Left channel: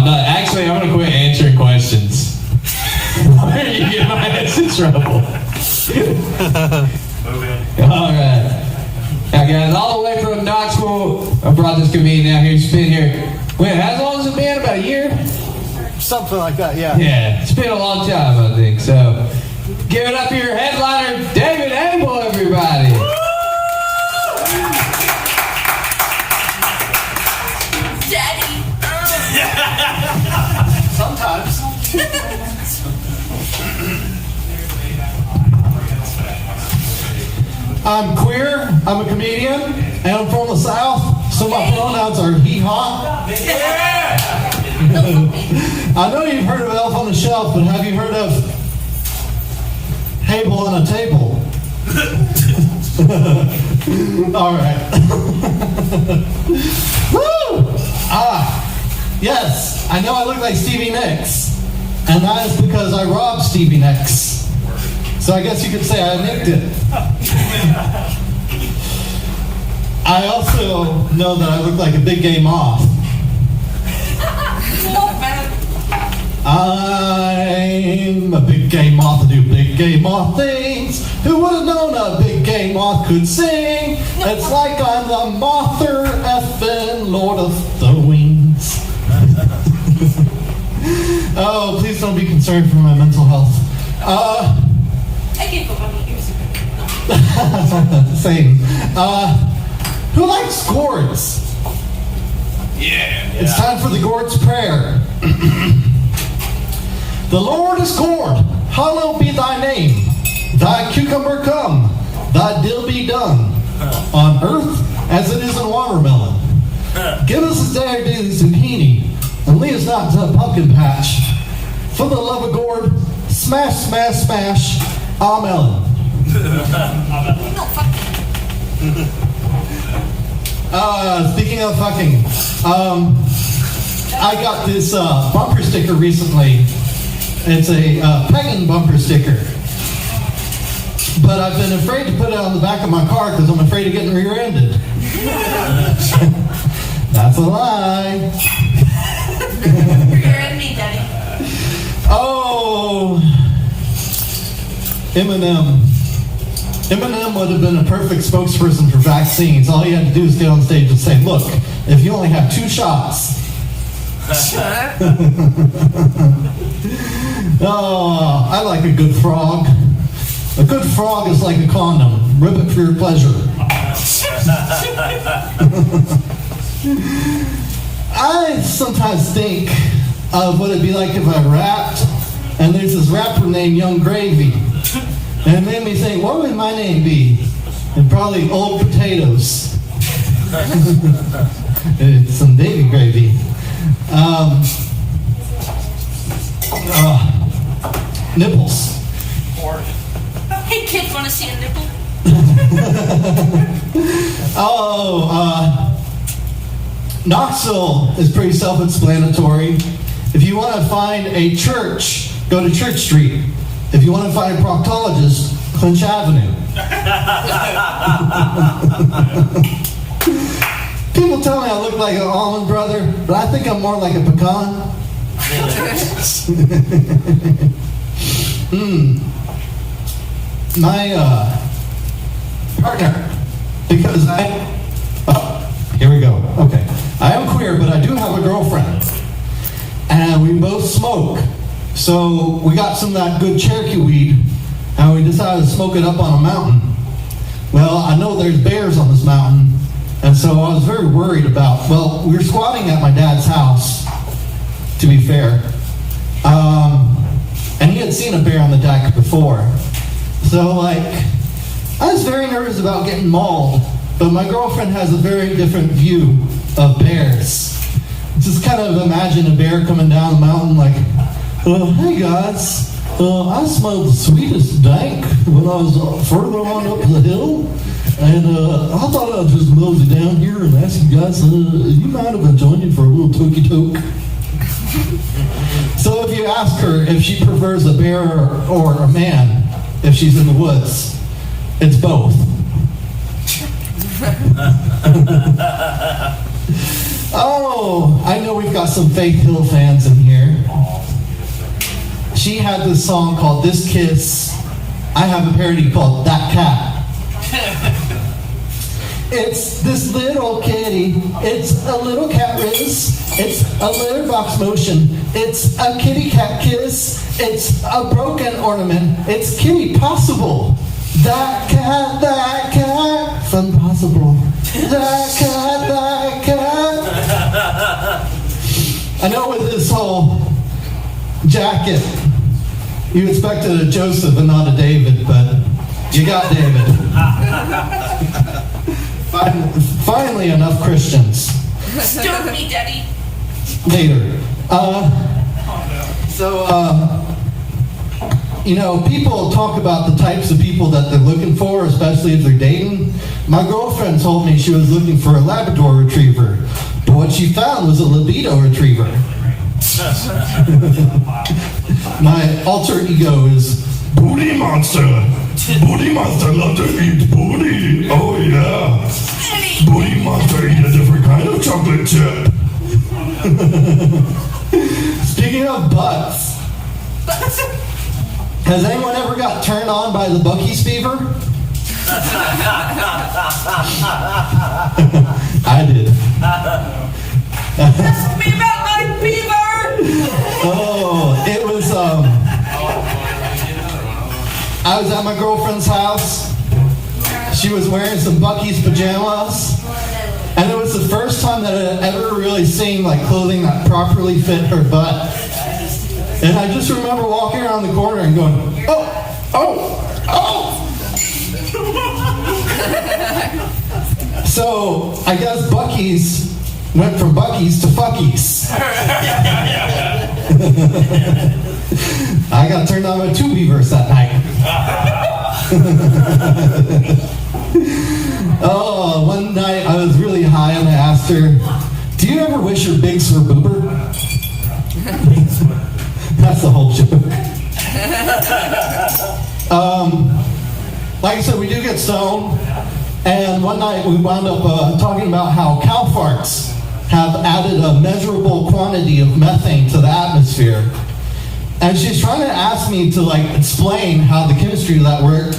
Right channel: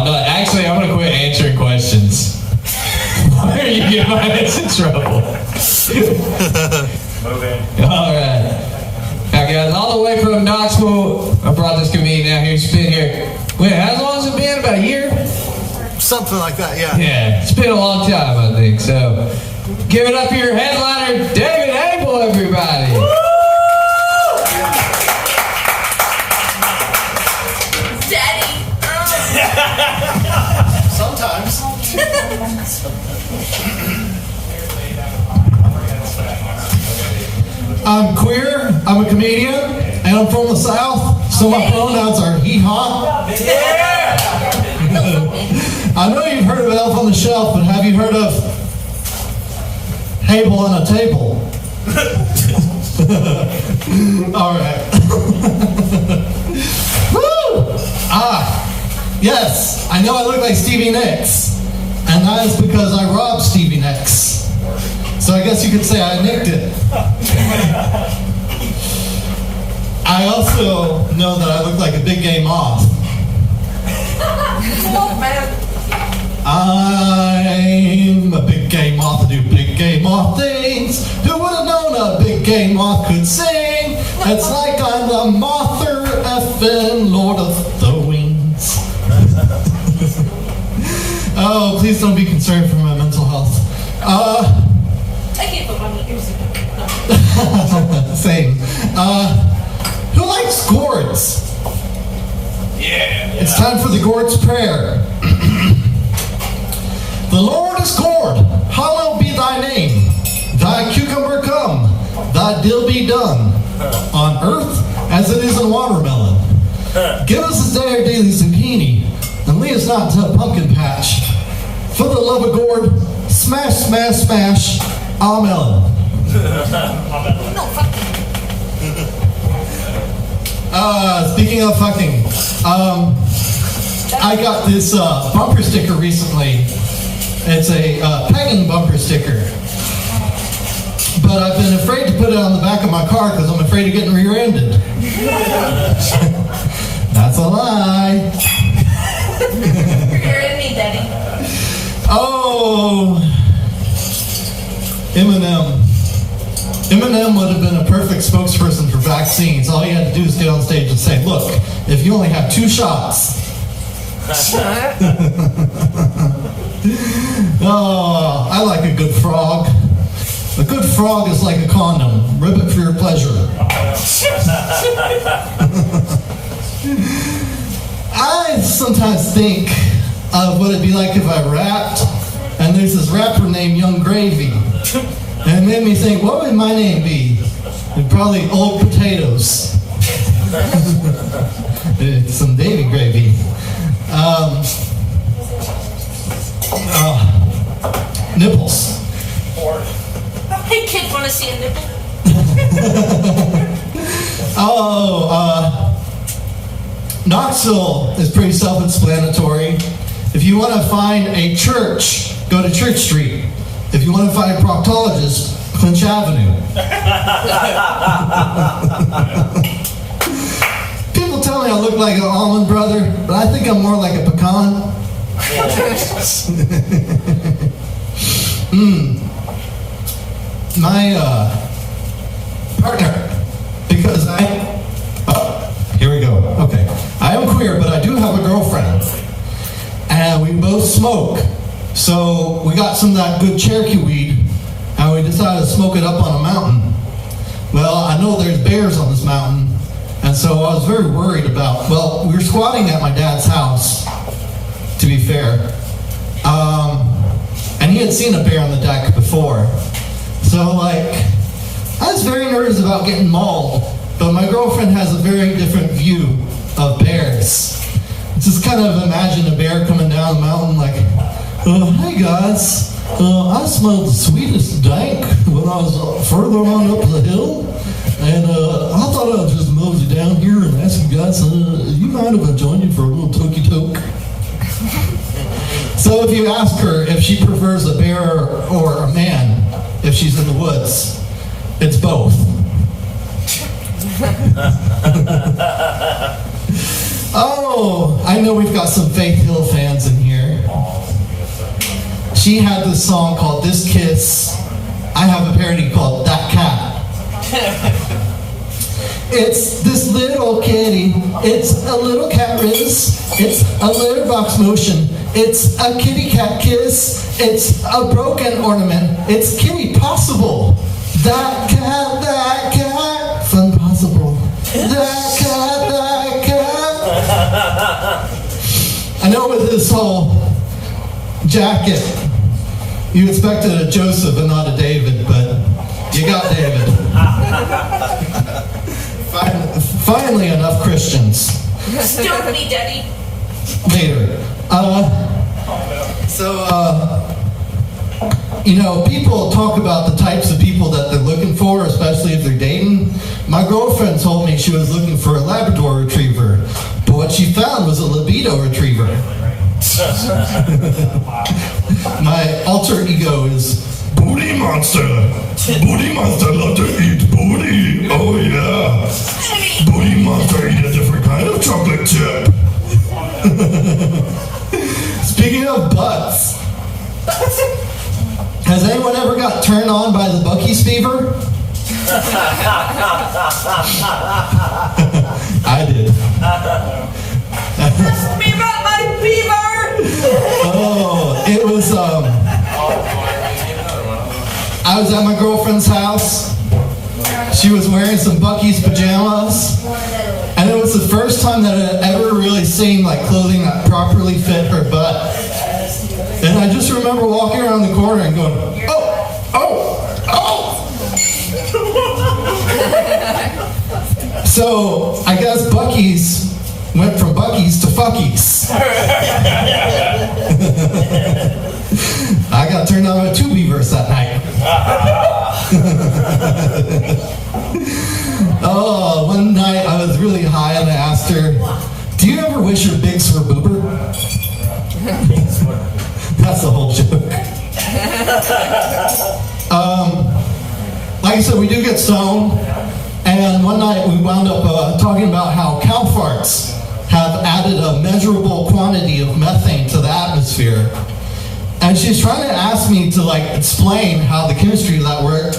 I'm not. Actually, I'm going to quit answering questions. Where are you getting my ass in trouble? All right. Now, guys, all the way from Knoxville, I brought this comedian out here. He's been here. Wait, how long has it been? About a year? Something like that, yeah. Yeah, it's been a long time, I think. So, give it up for your headliner, David Abel, everybody. Daddy. Sometimes. I'm queer, I'm a comedian, and I'm from the South, so my pronouns are hee-haw. I know you've heard of Elf on the Shelf, but have you heard of Hable on a Table? All right. Woo! Yes, I know I look like Stevie Nicks, and that is because I robbed Stevie Nicks. So I guess you could say I nicked it. I also know that I look like a big gay moth. I'm a big gay moth. I do big gay moth things. Who would have known a big gay moth could sing? It's like I'm the Mother effing Lord of the Wings. Oh, please don't be concerned for my mental health. I gave up on the ears. Same. Who likes gourds? Yeah. It's time for the Gourd's Prayer. The Lord is gourd, hallowed be thy name. Thy cucumber come, thy dill be done, on earth as it is in watermelon. Give us this day our daily zucchini, and lead us not to a pumpkin patch. For the love of gourd, smash, smash, smash, amen. Speaking of fucking, I got this bumper sticker recently. It's a pegging bumper sticker. But I've been afraid to put it on the back of my car because I'm afraid of getting rear-ended. That's a lie. Rear-end me, Daddy. Oh, Eminem. Eminem would have been a perfect spokesperson for vaccines. All you had to do is get on stage and say, look, if you only have 2 shots. Oh, I like a good frog. A good frog is like a condom. Rip it for your pleasure. I sometimes think of what it'd be like if I rapped, and there's this rapper named Young Gravy. And it made me think, what would my name be? It'd probably Old Potatoes. It's some Davy gravy. Nipples. Hey, kid, want to see a nipple? Knoxville is pretty self-explanatory. If you want to find a church, go to Church Street. If you want to find a proctologist, Clinch Avenue. People tell me I look like an almond brother, but I think I'm more like a pecan. My partner, because here we go. Okay. I am queer, but I do have a girlfriend. And we both smoke. So we got some of that good Cherokee weed, and we decided to smoke it up on a mountain. Well, I know there's bears on this mountain, and so I was very worried about, well, we were squatting at my dad's house, to be fair. And he had seen a bear on the deck before. So, I was very nervous about getting mauled, but my girlfriend has a very different view of bears. Just kind of imagine a bear coming down the mountain like, hey guys, I smelled the sweetest dank when I was further on up the hill, and I thought I'd just mosey down here and ask you guys, you mind if I join you for a little tokey toke? So if you ask her if she prefers a bear or a man, if she's in the woods, it's both. Oh, I know we've got some Faith Hill fans in here. She had this song called This Kiss. I have a parody called That Cat. It's this little kitty. It's a little cat riz. It's a litter box motion. It's a kitty cat kiss. It's a broken ornament. It's kitty possible. That cat, fun possible. That cat. I know with this whole jacket, you expected a Joseph and not a David, but you got David. Finally, enough Christians. Don't me, Daddy. Later. People talk about the types of people that they're looking for, especially if they're dating. My girlfriend told me she was looking for a Labrador Retriever, but what she found was a libido retriever. My alter ego is Booty Monster. Booty Monster love to eat booty. Oh yeah. Booty Monster eat a different kind of chocolate chip. Speaking of butts, has anyone ever got turned on by the Buc-ee's fever? I did. Tell me about my fever. Oh, it was, I was at my girlfriend's house. She was wearing some Buc-ee's pajamas. And it was the first time that I had ever really seen like clothing that properly fit her butt. And I just remember walking around the corner and going, oh. So I guess Buc-ee's went from Buc-ee's to Fuckies. I got turned on with 2 beavers that night. Oh, one night I was really high and I asked her, do you ever wish your bigs were boober? That's the whole joke. Like I said, we do get stoned. And one night we wound up talking about how cow farts have added a measurable quantity of methane to the atmosphere. And she's trying to ask me to explain how the chemistry of that worked.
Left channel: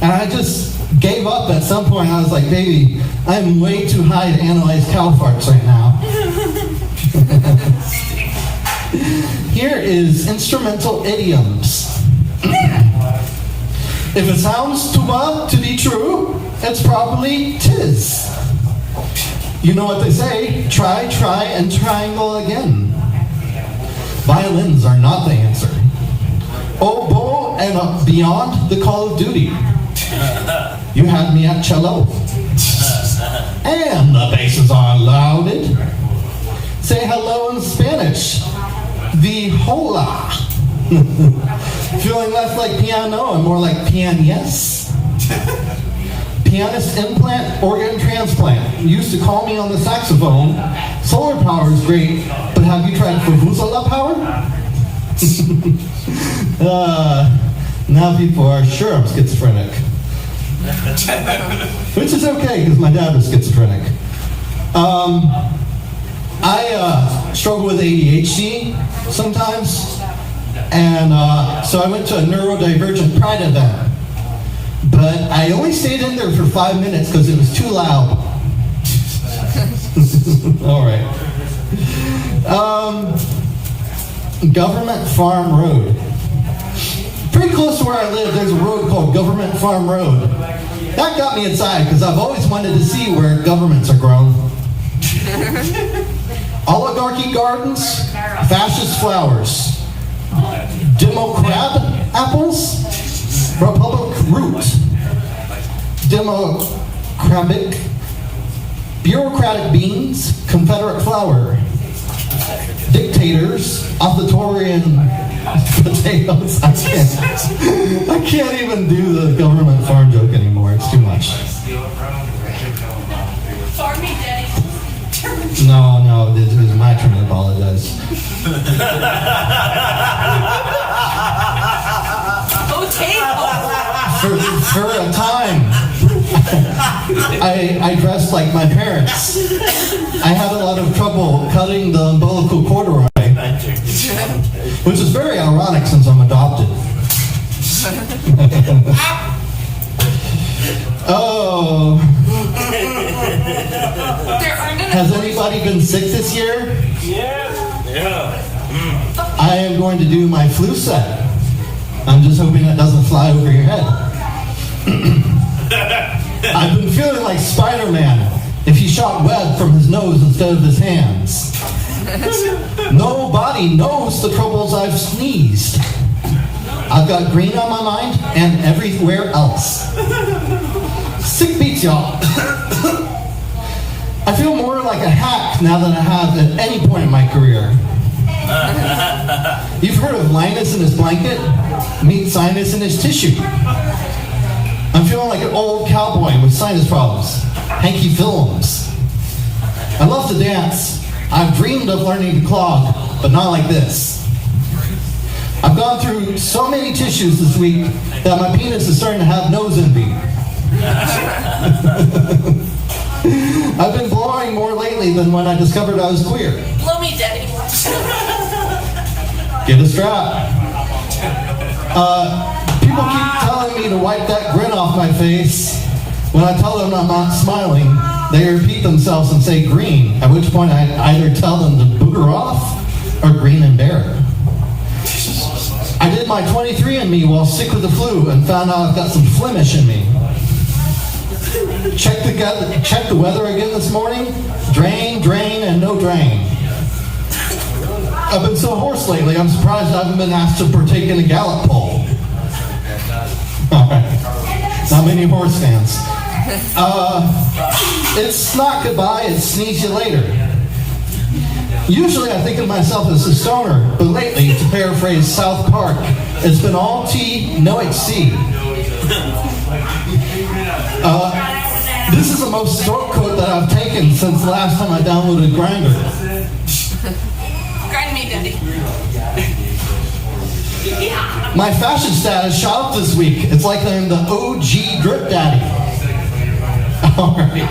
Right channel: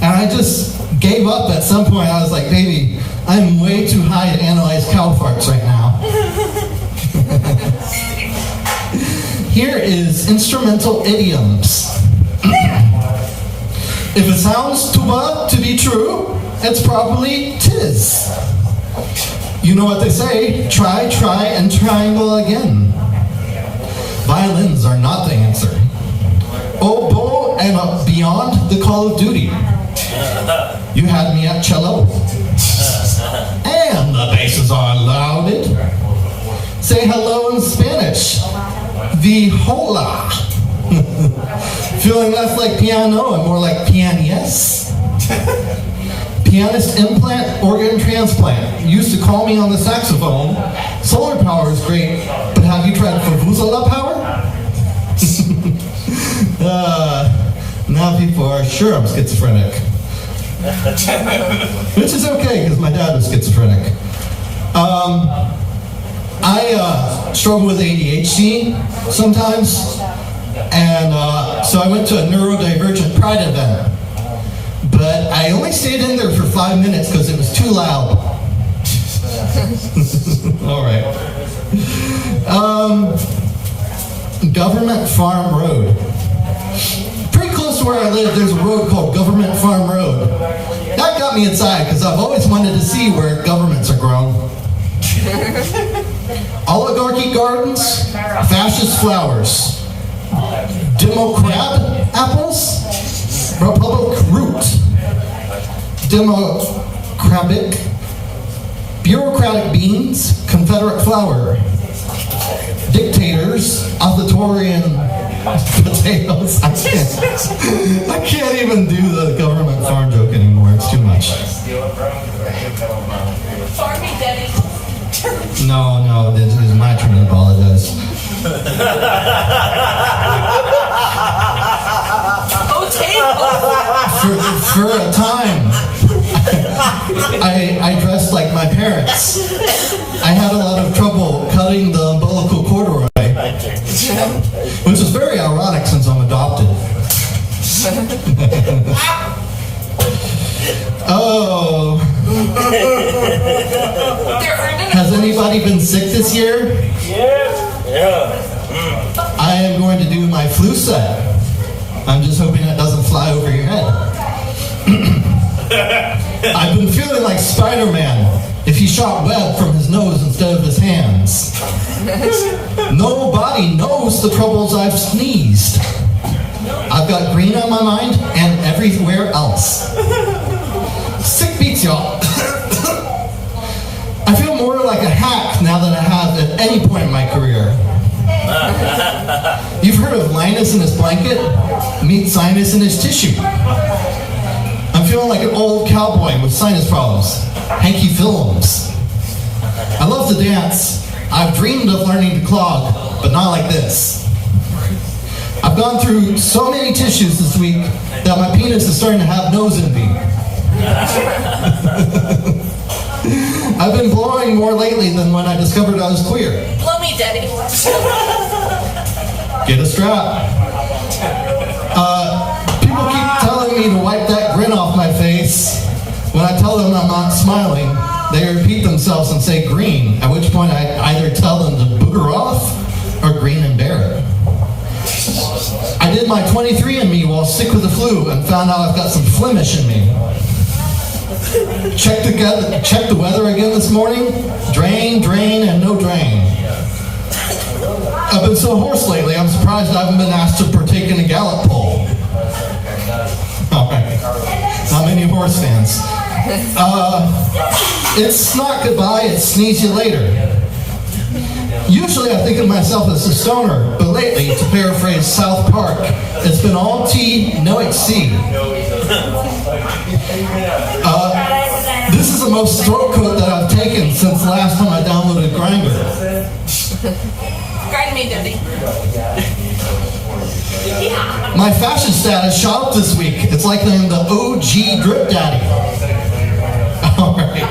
And I just gave up at some point. I was like, baby, I'm way too high to analyze cow farts right now. Here is instrumental idioms. If it sounds too well to be true, it's probably tis. You know what they say, try, and triangle again. Violins are not the answer. Oboe and beyond the Call of Duty. You had me at cello. And the basses are louded. Say hello in Spanish. The hola. Feeling less like piano and more like pianist. Pianist implant, organ transplant. Used to call me on the saxophone. Solar power is great, but have you tried Vuvuzela power? Now people are sure I'm schizophrenic. Which is okay, because my dad was schizophrenic. I struggle with ADHD sometimes. And so I went to a neurodivergent pride event. But I only stayed in there for 5 minutes because it was too loud. All right. Government Farm Road. Pretty close to where I live, there's a road called Government Farm Road. That got me inside because I've always wanted to see where governments are grown. Oligarchy gardens, fascist flowers. Democrat apples, Republic root. Democratic, bureaucratic beans, Confederate flower. Dictators, authoritarian potatoes. I can't even do the government farm joke anymore. It's too much. Farming, Daddy. No, it was my turn to apologize. Oh, table. For a time, I dressed like my parents. I had a lot of trouble cutting the umbilical corduroy, which is very ironic since I'm adopted. Oh. Has anybody been sick this year? Yeah. I am going to do my flu set. I'm just hoping that doesn't fly over your head. I've been feeling like Spider-Man if he shot web from his nose instead of his hands. Nobody knows the troubles I've sneezed. I've got green on my mind and everywhere else. Sick beats, y'all. I feel more like a hack now than I have at any point in my career. You've heard of Linus and his blanket? Meet Sinus and his tissue. I'm feeling like an old cowboy with sinus problems. Hanky Films. I love to dance. I've dreamed of learning to clog, but not like this. I've gone through so many tissues this week that my penis is starting to have nose envy. I've been blowing more lately than when I discovered I was queer. Blow me, Daddy. Get a strap. People keep telling me to wipe that grin off my face. When I tell them I'm not smiling, they repeat themselves and say green, at which point I either tell them to booger off or grin and bear it. I did my 23andMe while sick with the flu and found out I've got some Flemish in me. Check the weather again this morning. Drain, and no drain. I've been so hoarse lately, I'm surprised I haven't been asked to partake in a Gallup poll. All right. Not many horse fans. It's not goodbye, it's sneeze you later. Usually I think of myself as a stoner, but lately, to paraphrase South Park, it's been all T, no HC. This is the most throat coat that I've taken since the last time I downloaded Grindr. Guide me, Daddy. My fashion status shot up this week. It's like I'm the OG drip daddy. All right.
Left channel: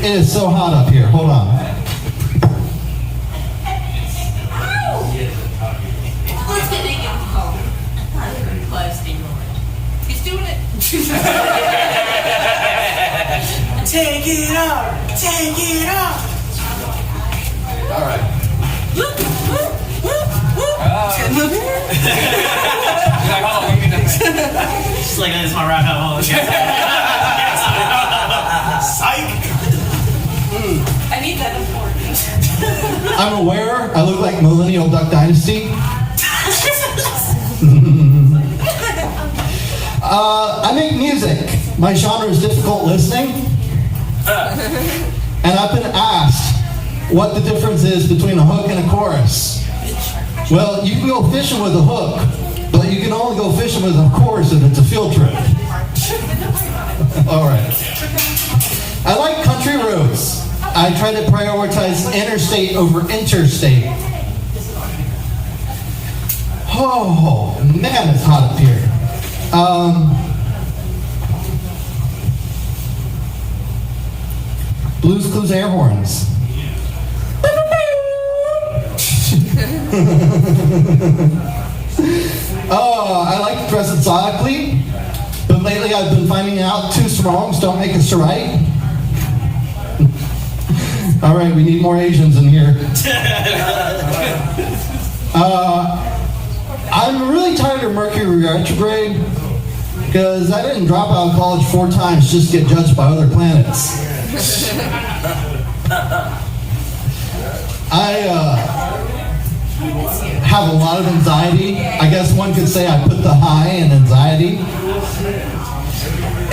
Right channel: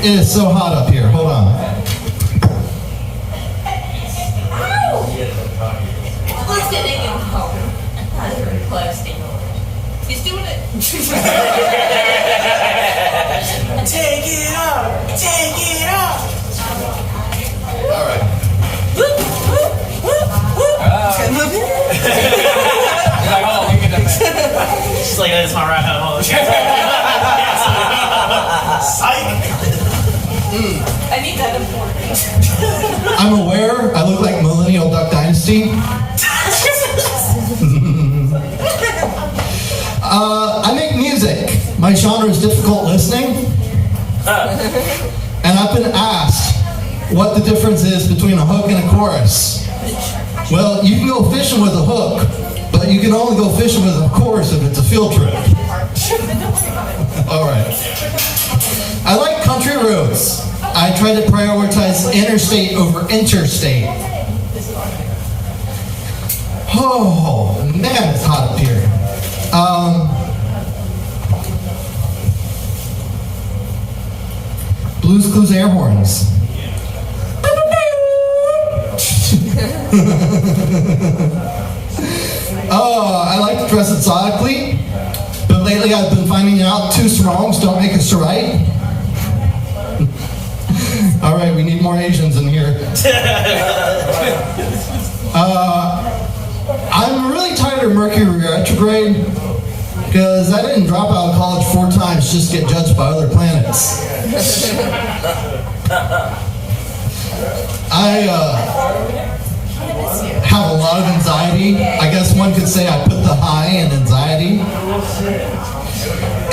It is so hot up here. Hold on. Let's get naked. He's doing it. Take it up. All right. She's like, that's my right home. Psych. I need that important. I'm aware I look like Millennial Duck Dynasty. I make music. My genre is difficult listening. And I've been asked what the difference is between a hook and a chorus. Well, you can go fishing with a hook, but you can only go fishing with a chorus if it's a field trip. All right. I like country roads. I try to prioritize interstate over interstate. Oh, man, it's hot up here. Blues Clues air horns. I like to dress exotically, but lately I've been finding out two wrongs don't make us right. All right, we need more Asians in here. I'm really tired of Mercury retrograde because I didn't drop out of college 4 times just to get judged by other planets. I have a lot of anxiety. I guess one could say I put the high in anxiety.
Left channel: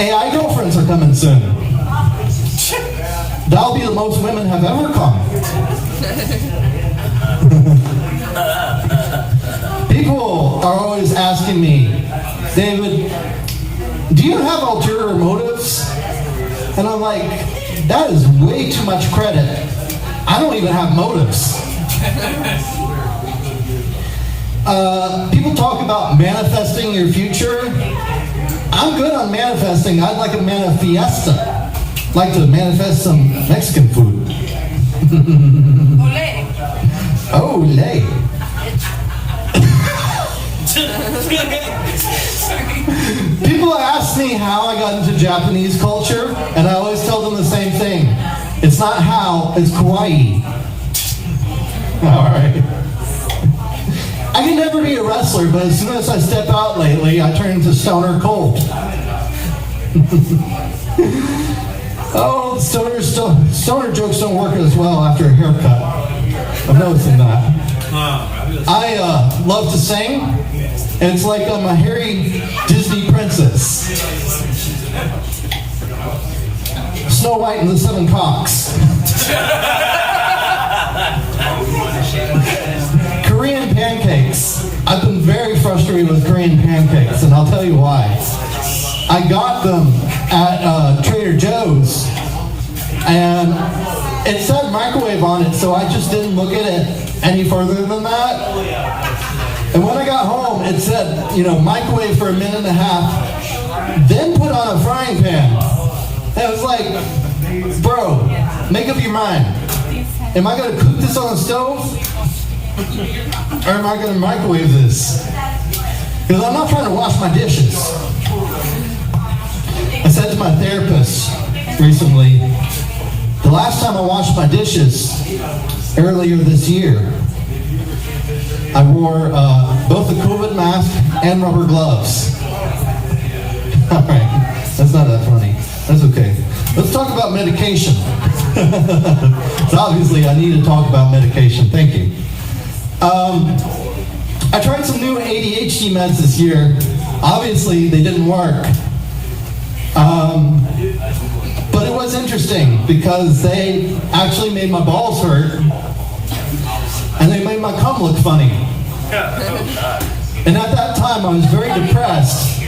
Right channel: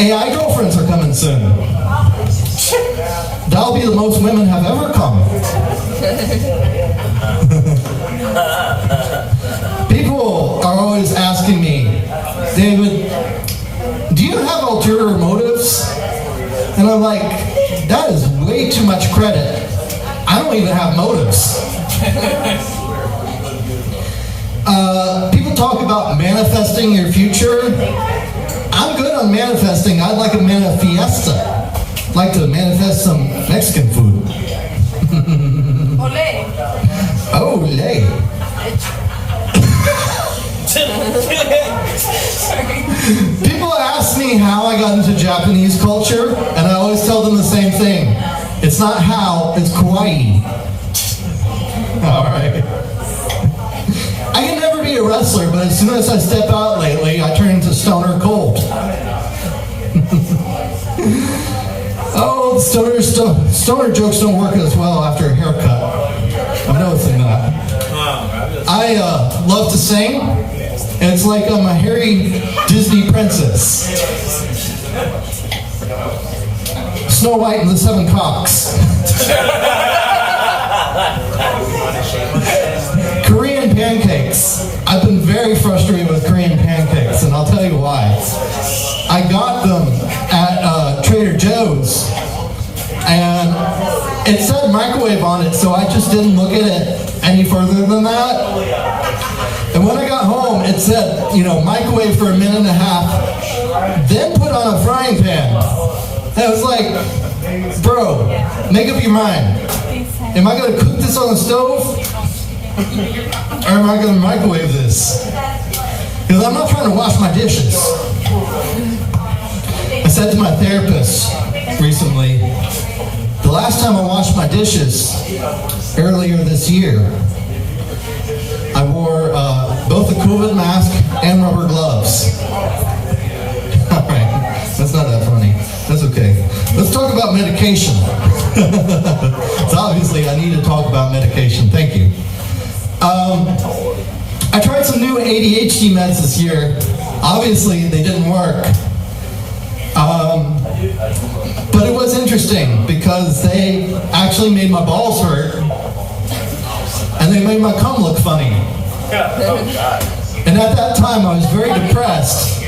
AI girlfriends are coming soon. That'll be the most women have ever come. People are always asking me, David, do you have ulterior motives? And I'm like, that is way too much credit. I don't even have motives. People talk about manifesting your future. I I'm good on manifesting. I'd like a manifesta. I'd like to manifest some Mexican food. Ole. Olay. People ask me how I got into Japanese culture, and I always tell them the same thing. It's not how, it's kawaii. Alright. I can never be a wrestler, but as soon as I step out lately, I turn into Stoner Cold. Oh, stoner jokes don't work as well after a haircut. I'm noticing that. I love to sing. And it's like I'm a hairy Disney princess. Snow White and the Seven Cocks. Korean pancakes. I've been very frustrated with Korean pancakes, and I'll tell you why. I got them at Trader Joe's, and it said microwave on it, so I just didn't look at it any further than that. And when I got home, it said, microwave for a minute and a half, then put on a frying pan. And I was like, bro, make up your mind. Am I going to cook this on the stove? Or am I going to microwave this? Because I'm not trying to wash my dishes. I said to my therapist recently, the last time I washed my dishes, earlier this year, I wore both a COVID mask and rubber gloves. Alright, that's not that funny. That's okay. Let's talk about medication. So obviously I need to talk about medication. Thank you. I tried some new ADHD meds this year. Obviously they didn't work. But it was interesting because they actually made my balls hurt. And they made my cum look funny. And at that time, I was very depressed.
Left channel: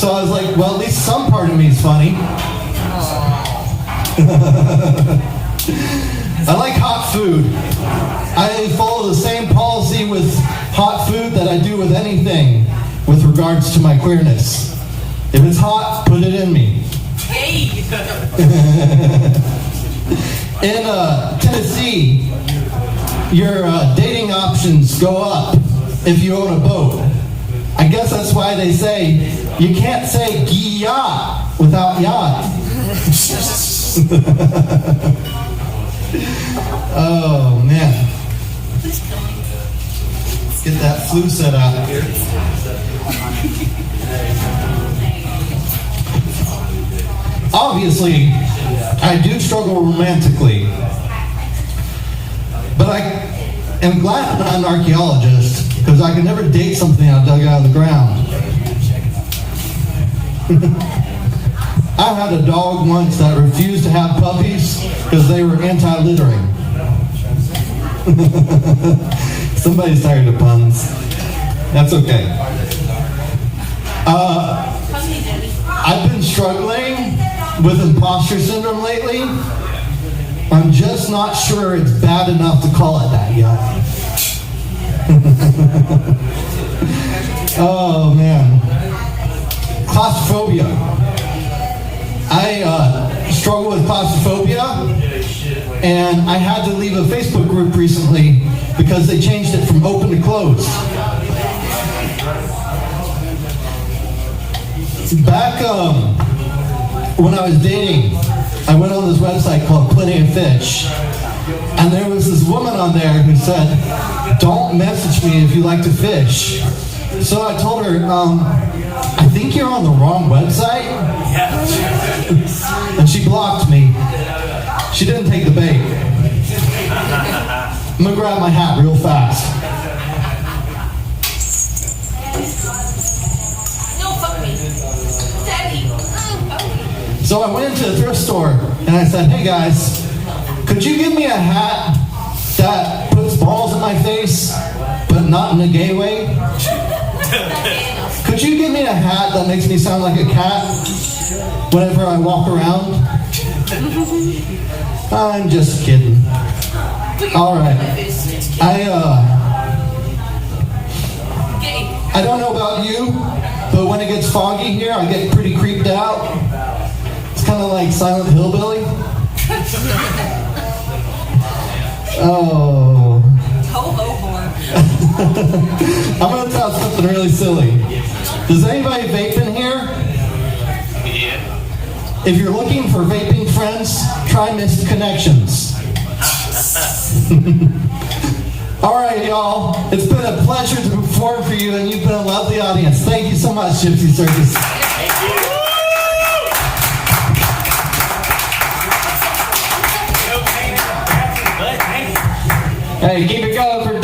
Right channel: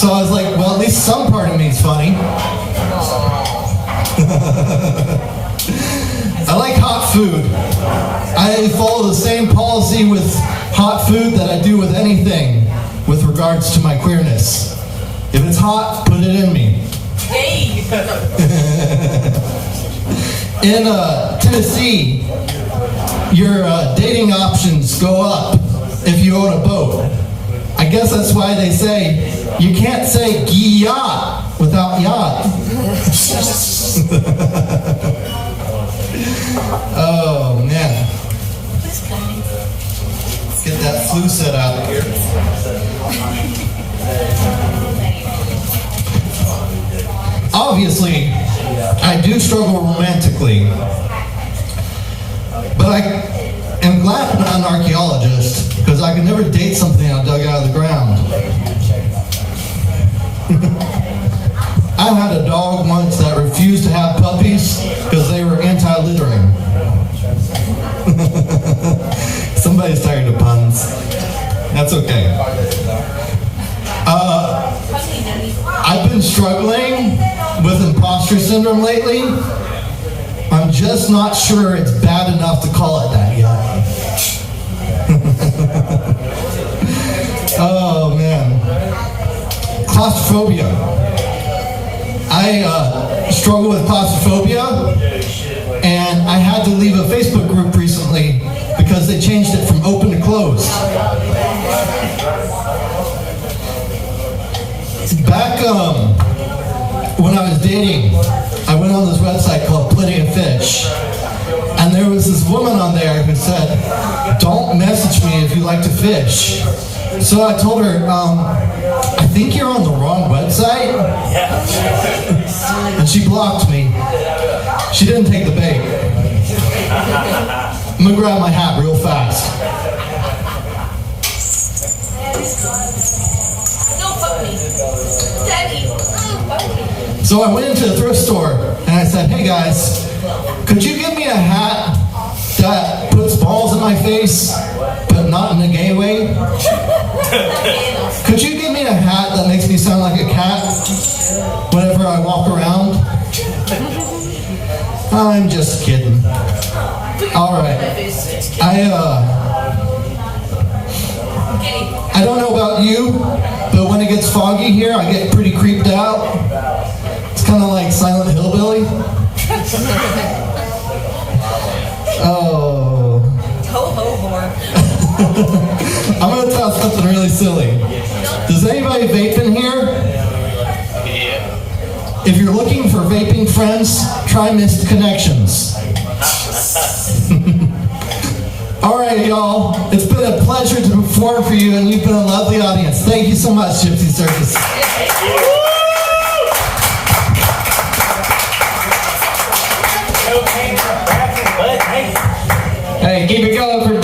So I was like, well, at least some part of me is funny. I like hot food. I follow the same policy with hot food that I do with anything with regards to my queerness. If it's hot, put it in me. In Tennessee, your dating options go up if you own a boat. I guess that's why they say you can't say yacht without yacht. Oh man. Let's get that flu set out here. Obviously, I do struggle romantically. But I am glad I'm not an archaeologist, because I could never date something I dug out of the ground. I had a dog once that refused to have puppies because they were anti-littering. Somebody's tired of puns. That's okay. I've been struggling with imposter syndrome lately. I'm just not sure it's bad enough to call it that yet. Oh man. Claustrophobia. I struggle with claustrophobia, and I had to leave a Facebook group recently because they changed it from open to closed. Back when I was dating, I went on this website called Plenty of Fish, and there was this woman on there who said, "Don't message me if you like to fish." So I told her, "I think you're on the wrong website." And she blocked me. She didn't take the bait. I'm gonna grab my hat real fast. No, fuck me. Daddy. So I went into the thrift store and I said, "Hey guys, could you give me a hat that puts balls in my face, but not in a gay way? Could you give me a hat that makes me sound like a cat whenever I walk around?" I'm just kidding. Alright. I don't know about you, but when it gets foggy here, I get pretty I'm going to tell something really silly. Does anybody vape in here? If you're looking for vaping friends, try Missed Connections. All right, y'all. It's been a pleasure to perform for you, and you've been a lovely audience. Thank you so much, Gypsy Circus. Hey, keep it going for